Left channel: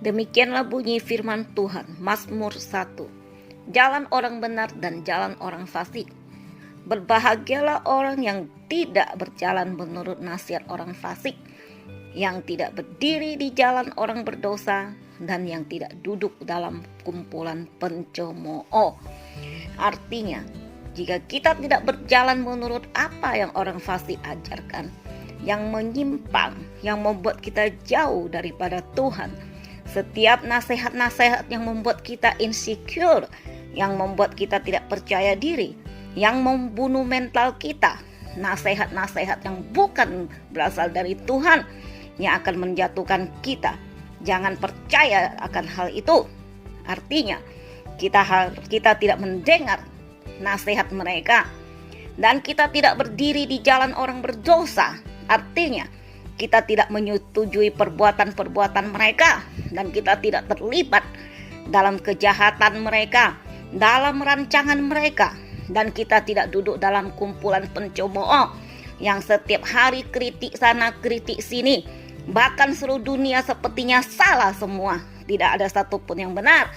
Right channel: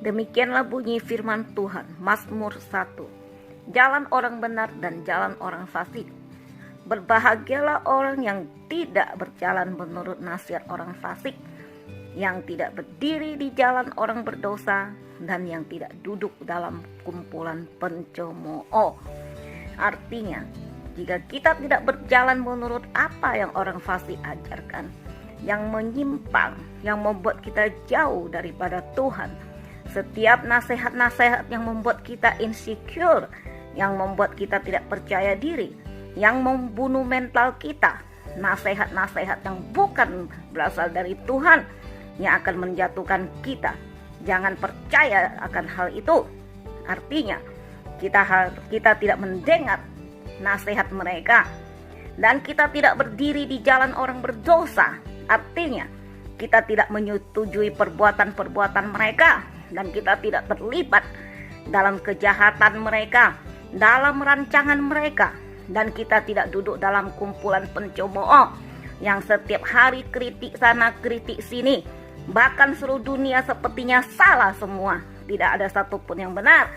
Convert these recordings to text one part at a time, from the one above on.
Demikianlah bunyi firman Tuhan, Mazmur 1. Jalan orang benar dan jalan orang fasik. Berbahagialah orang yang tidak berjalan menurut nasihat orang fasik, yang tidak berdiri di jalan orang berdosa, dan yang tidak duduk dalam kumpulan pencemooh. Artinya, jika kita tidak berjalan menurut apa yang orang fasik ajarkan, yang menyimpang, yang membuat kita jauh daripada Tuhan, setiap nasihat-nasihat yang membuat kita insecure, yang membuat kita tidak percaya diri, yang membunuh mental kita, nasihat-nasihat yang bukan berasal dari Tuhan, yang akan menjatuhkan kita. Jangan percaya akan hal itu. Artinya, kita tidak mendengar nasihat mereka, dan kita tidak berdiri di jalan orang berdosa. Artinya, kita tidak menyetujui perbuatan-perbuatan mereka, dan kita tidak terlibat dalam kejahatan mereka, dalam rancangan mereka, dan kita tidak duduk dalam kumpulan pencemooh yang setiap hari kritik sana kritik sini. Bahkan seluruh dunia sepertinya salah semua, tidak ada satupun yang benar.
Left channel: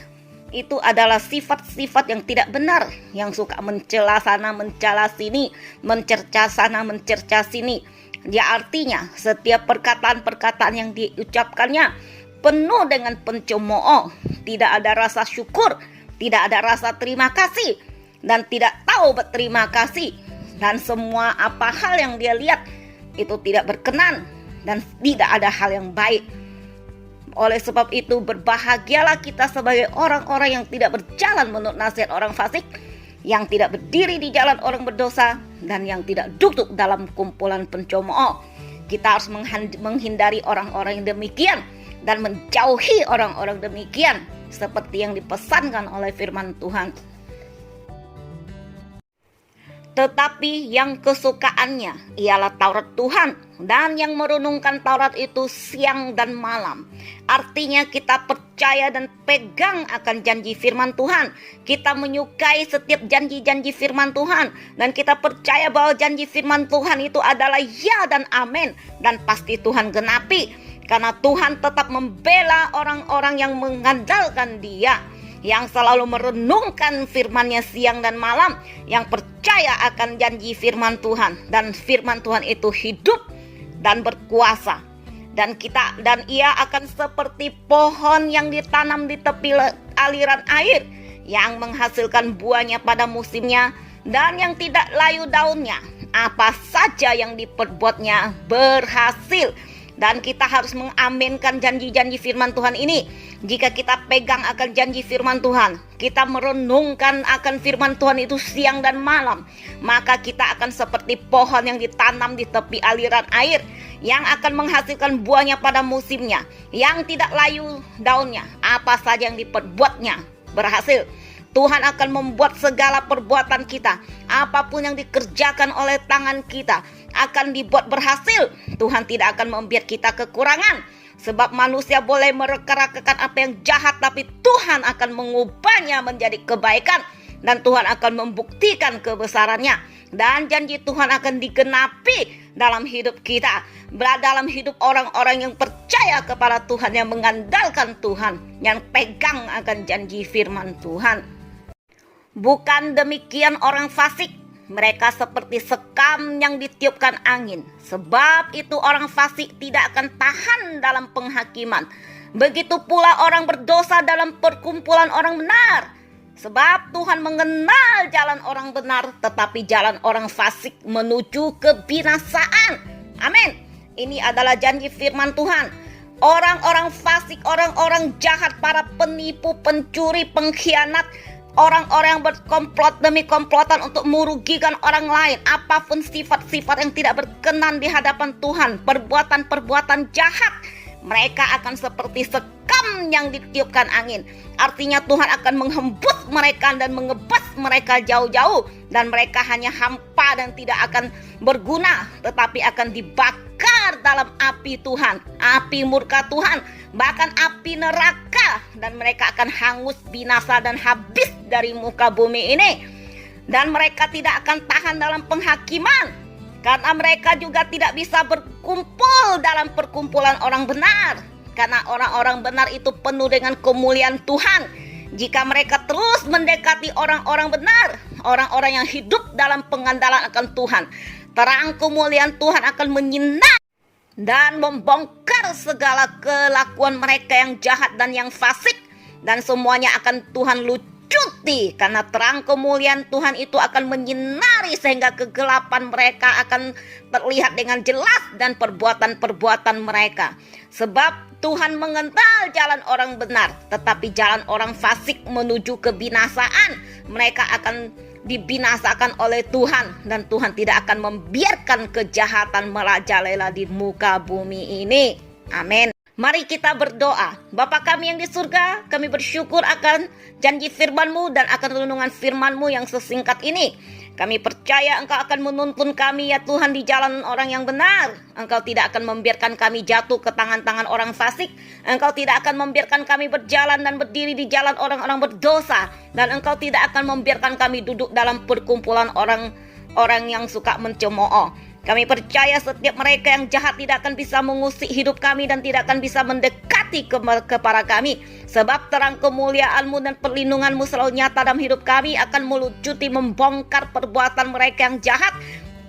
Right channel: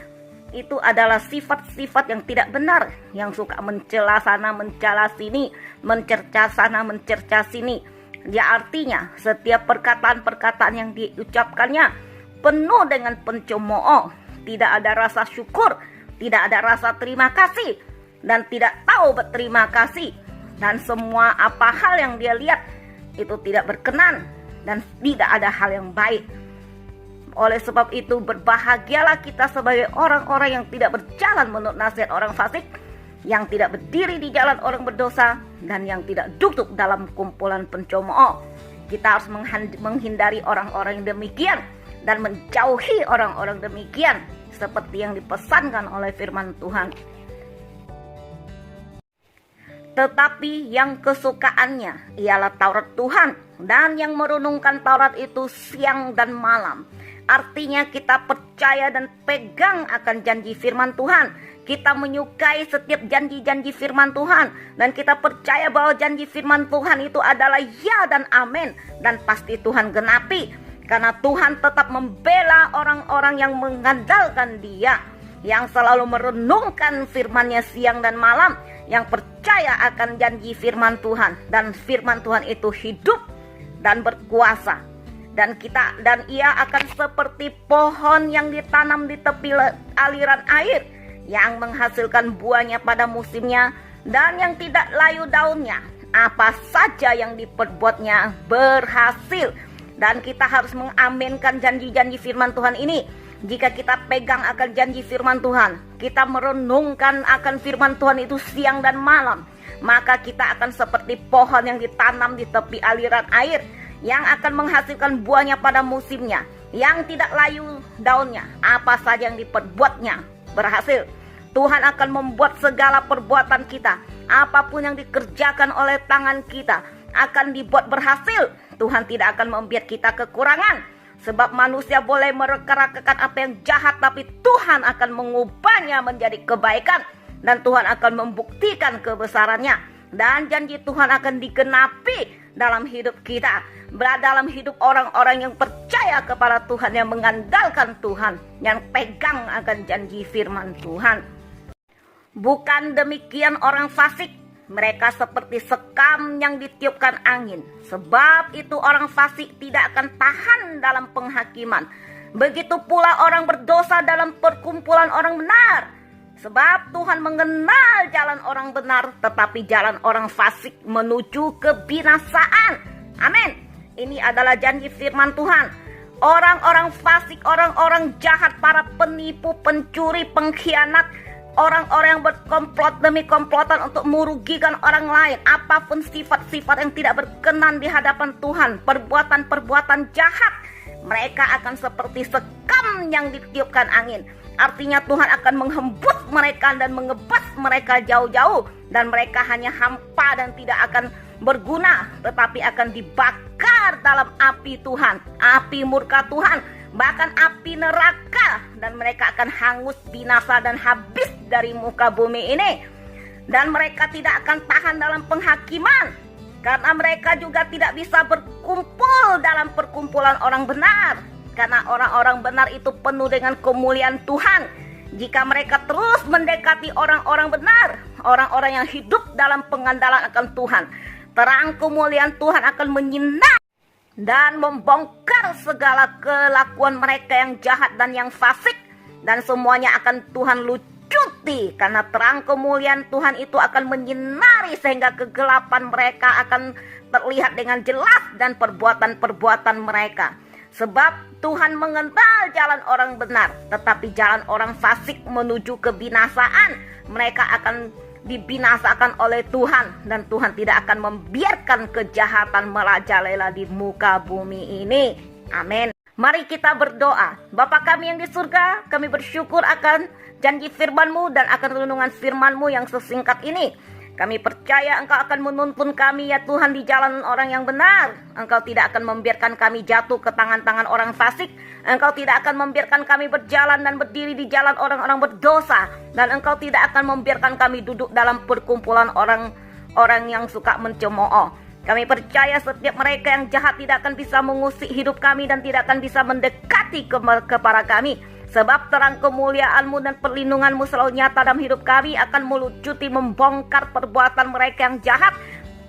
Itu adalah sifat-sifat yang tidak benar, yang suka mencela sana mencela sini, mencerca sana mencerca sini. Dia artinya setiap perkataan-perkataan yang diucapkannya penuh dengan pencemooh, tidak ada rasa syukur, tidak ada rasa terima kasih, dan tidak tahu berterima kasih. Dan semua apa hal yang dia lihat itu tidak berkenan, dan tidak ada hal yang baik. Oleh sebab itu, berbahagialah kita sebagai orang-orang yang tidak berjalan menurut nasihat orang fasik, yang tidak berdiri di jalan orang berdosa, dan yang tidak duduk dalam kumpulan pencemooh. Kita harus menghindari orang-orang yang demikian, dan menjauhi orang-orang demikian, seperti yang dipesankan oleh firman Tuhan. Tetapi yang kesukaannya ialah Taurat Tuhan, dan yang merenungkan Taurat itu siang dan malam. Artinya kita percaya dan pegang akan janji firman Tuhan. Kita menyukai setiap janji-janji firman Tuhan, dan kita percaya bahwa janji firman Tuhan itu adalah ya dan amin, dan pasti Tuhan genapi. Karena Tuhan tetap membela orang-orang yang mengandalkan Dia, yang selalu merenungkan firman-Nya siang dan malam, yang percaya akan janji firman Tuhan, dan firman Tuhan itu hidup dan berkuasa. Dan ia akan seperti pohon yang ditanam di tepi aliran air, yang menghasilkan buahnya pada musimnya, dan yang tidak layu daunnya. Apa saja yang diperbuatnya berhasil. Dan kita harus mengaminkan janji-janji firman Tuhan ini. Jika kita pegang akan janji firman Tuhan, kita merenungkan akan firman Tuhan itu siang dan malam, maka kita akan seperti pohon yang ditanam di tepi aliran air, yang akan menghasilkan buahnya pada musimnya, yang tidak layu daunnya. Apa saja yang diperbuatnya berhasil. Tuhan akan membuat segala perbuatan kita, apapun yang dikerjakan oleh tangan kita, akan dibuat berhasil. Tuhan tidak akan membiarkan kita kekurangan, sebab manusia boleh mereka-rekakan apa yang jahat, tapi Tuhan akan mengubahnya menjadi kebaikan, dan Tuhan akan membuktikan kebesarannya, dan janji Tuhan akan digenapi dalam hidup kita, dalam hidup orang-orang yang percaya kepada Tuhan, yang mengandalkan Tuhan, yang pegang akan janji firman Tuhan. Bukan demikian orang fasik. Mereka seperti sekam yang ditiupkan angin. Sebab itu orang fasik tidak akan tahan dalam penghakiman. Begitu pula orang berdosa dalam perkumpulan orang benar. Sebab Tuhan mengenal jalan orang benar, tetapi jalan orang fasik menuju kebinasaan. Amin. Ini adalah janji firman Tuhan. Orang-orang fasik, orang-orang jahat, para penipu, pencuri, pengkhianat, orang-orang yang berkomplot demi komplotan untuk merugikan orang lain, apapun sifat-sifat yang tidak berkenan di hadapan Tuhan, perbuatan-perbuatan jahat, mereka akan seperti sekam yang ditiupkan angin. Artinya Tuhan akan menghembus mereka dan mengebas mereka jauh-jauh, dan mereka hanya hampa dan tidak akan berguna, tetapi akan dibakar dalam api Tuhan, api murka Tuhan, bahkan api neraka, dan mereka akan hangus, binasa, dan habis dari muka bumi ini. Dan mereka tidak akan tahan dalam penghakiman, karena mereka juga tidak bisa berkumpul dalam perkumpulan orang benar. karena orang-orang benar itu penuh dengan kemuliaan Tuhan. Jika mereka terus mendekati orang-orang benar, orang-orang yang hidup dalam pengandalan akan Tuhan, terang kemuliaan Tuhan akan menyinari dan membongkar segala kelakuan mereka yang jahat dan yang fasik, dan semuanya akan Tuhan lucuti, karena terang kemuliaan Tuhan itu akan menyinari sehingga kegelapan mereka akan terlihat dengan jelas dan perbuatan-perbuatan mereka. Sebab Tuhan mengenal jalan orang benar, tetapi jalan orang fasik menuju kebinasaan. Mereka akan dibinasakan oleh Tuhan, dan Tuhan tidak akan membiarkan kejahatan merajalela di muka bumi ini. Amin. Mari kita berdoa. Bapa kami yang di surga, kami bersyukur akan janji firman-Mu dan akan renungan firman-Mu yang sesingkat ini. Kami percaya Engkau akan menuntun kami ya Tuhan di jalan orang yang benar. Engkau tidak akan membiarkan kami jatuh ke tangan-tangan orang fasik. Engkau tidak akan membiarkan kami berjalan dan berdiri di jalan orang-orang berdosa. Dan Engkau tidak akan membiarkan kami duduk dalam perkumpulan orang-orang yang suka mencemooh. Kami percaya setiap mereka yang jahat tidak akan bisa mengusik hidup kami dan tidak akan bisa mendekati kepada kami. Sebab terang kemuliaan-Mu dan perlindungan-Mu selalu nyata dalam hidup kami, akan melucuti membongkar perbuatan mereka yang jahat.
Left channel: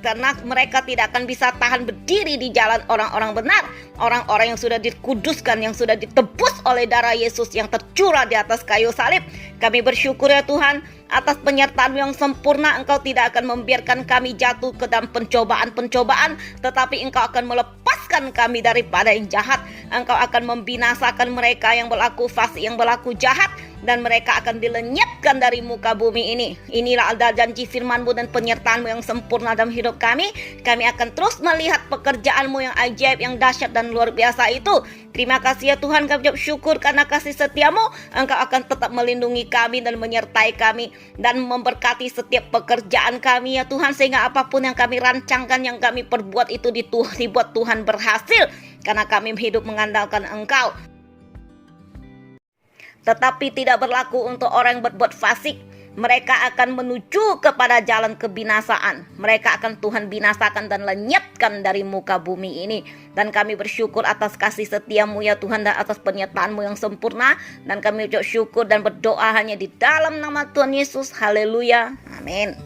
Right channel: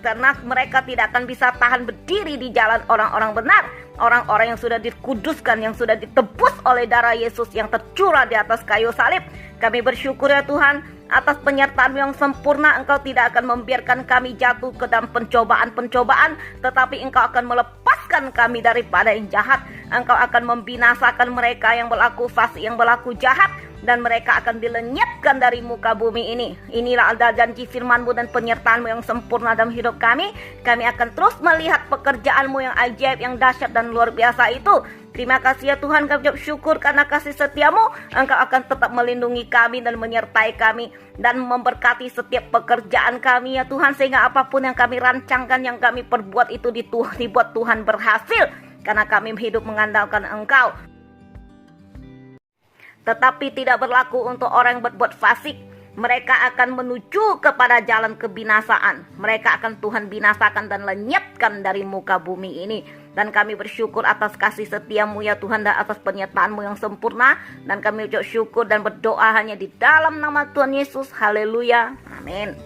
Karena mereka tidak akan bisa tahan berdiri di jalan orang-orang benar. Orang-orang yang sudah dikuduskan, yang sudah ditebus oleh darah Yesus yang tercurah di atas kayu salib. Kami bersyukur ya Tuhan, atas penyertaan-Mu yang sempurna. Engkau tidak akan membiarkan kami jatuh ke dalam pencobaan-pencobaan, tetapi Engkau akan melepaskan kami daripada yang jahat. Engkau akan membinasakan mereka yang berlaku fasik, yang berlaku jahat, dan mereka akan dilenyapkan dari muka bumi ini. Inilah ada janji firman-Mu dan penyertaan-Mu yang sempurna dalam hidup kami. Kami akan terus melihat pekerjaan-Mu yang ajaib, yang dahsyat dan luar biasa itu. Terima kasih ya Tuhan, kami ucap syukur karena kasih setia-Mu. Engkau akan tetap melindungi kami dan menyertai kami dan memberkati setiap pekerjaan kami ya Tuhan, sehingga apapun yang kami rancangkan, yang kami perbuat itu dibuat Tuhan berhasil, karena kami hidup mengandalkan Engkau. Tetapi tidak berlaku untuk orang yang berbuat fasik. Mereka akan menuju kepada jalan kebinasaan. Mereka akan Tuhan binasakan dan lenyapkan dari muka bumi ini. Dan kami bersyukur atas kasih setia-Mu ya Tuhan, dan atas penyertaan-Mu yang sempurna. Dan kami ucap syukur dan berdoa hanya di dalam nama Tuhan Yesus. Haleluya. Amin.